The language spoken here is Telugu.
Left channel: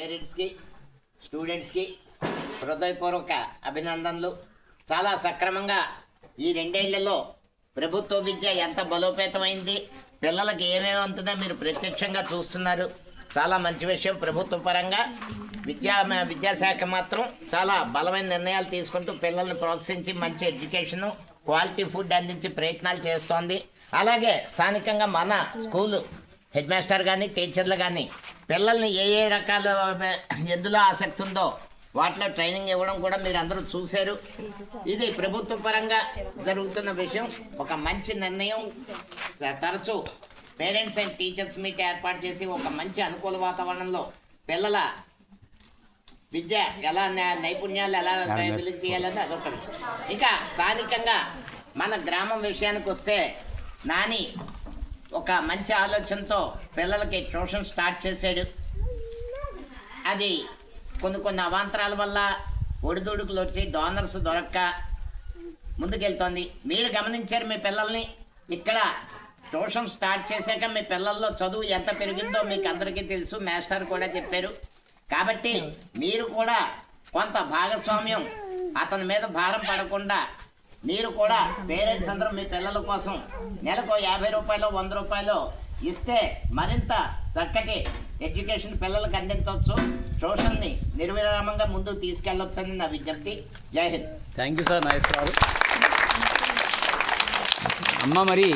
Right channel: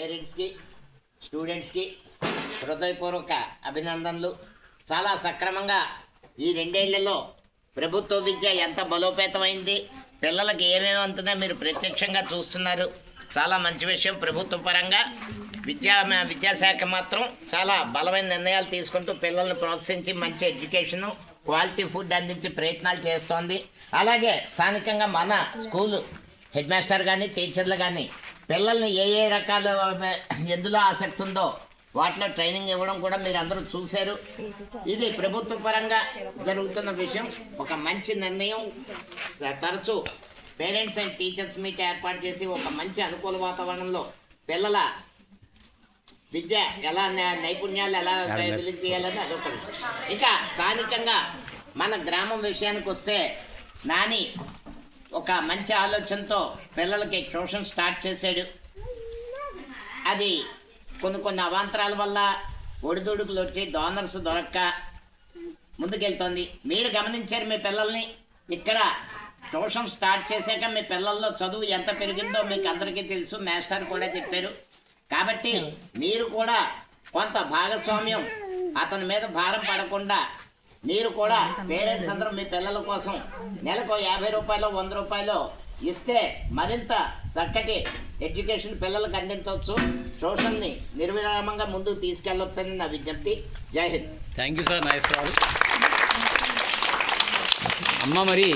పేరెంట్స్కి స్టూడెంట్స్కి హృదయపూర్వక అభినందనలు. చాలా సక్రమంగా ఈ 2 ఏళ్లలో ప్రభుత్వ విద్య ఎంత బలోపేతమైంది, పిల్లలకి ఏమేమి ఉంటుందో మీరు ప్రత్యక్షంగా చూస్తున్నారు. చాలా మంచి విషయం. ప్రభుత్వ పరంగా విద్యాశాఖ మాత్రం చాలా బలమైన నిర్ణయాలు తీసుకుంటూ పిల్లల్ని ప్రోత్సహించి మంచి ఎడ్యుకేషను, క్వాలిటీ ఫుడ్ అందించే ప్రయత్నాలు చేస్తోంది. అలాగే స్థానికంగా మన స్కూలు హెడ్ మాస్టర్ కానీ టీచర్లు కానీ పిల్లల్ని ఏ రకాల ఎందులో ఆసక్తి ఉందో వాటిలో ట్రైనింగ్ ఇవ్వడం కూడా మీరు అందరూ చూశారు. ఇది ప్రభుత్వ పరంగా జరుగుతున్న విషయం, ఒక మంచి నిర్ణయం. తరచూ పేరెంట్స్ అండ్ టీచర్స్ మీట్ ఏర్పాటు చేసి ఒక మంచి అనుకూల వాతావరణంలో పిల్లల విద్య ఎలా నైపుణ్యాలు ఎలా వెలికి తీయాలని అదొక విషయం. ఇక స్థానికంగా మన గ్రామం విషయానికి వస్తే నాని ఒక మంచి ఆలోచనతో పిల్లలకి ట్యూషన్ స్టార్ట్ చేశాడు. అది కొన్ని అవాంతరాల వల్ల ఒడిదుడుకులు వచ్చి డోనర్స్ దొరక్క ముందుకెళ్తోంది. మీరు గమనించారు మీ పిల్లల్ని. ఇక్కడ ట్యూషన్ స్టార్ట్ చేశాక మీ పిల్లల్లో చదువు ఎంత పెరిగిందో మీకు అందరికీ తెలుసు, మాస్టర్ కూడా చెప్పారు. కాబట్టి మీరు కూడా కొంత భాగస్వామ్యం, అతని మీద భారం పడకుండా మీరు కూడా పేరెంట్స్ అందరూ మీ పిల్లల కోసం నెలకు 50 రూపాయలు 100 రూపాయలు ఇస్తే మరింత చక్కటి ఎడ్యుకేషన్ పిల్లలకు అందించవచ్చు. ట్యూషన్ని నిర్విరామంగా ముందుకు తీసుకెళ్ళొచ్చని నా విజ్ఞప్తి. జై Hind. Thank you sir, nice కాదు అమ్మ. మరి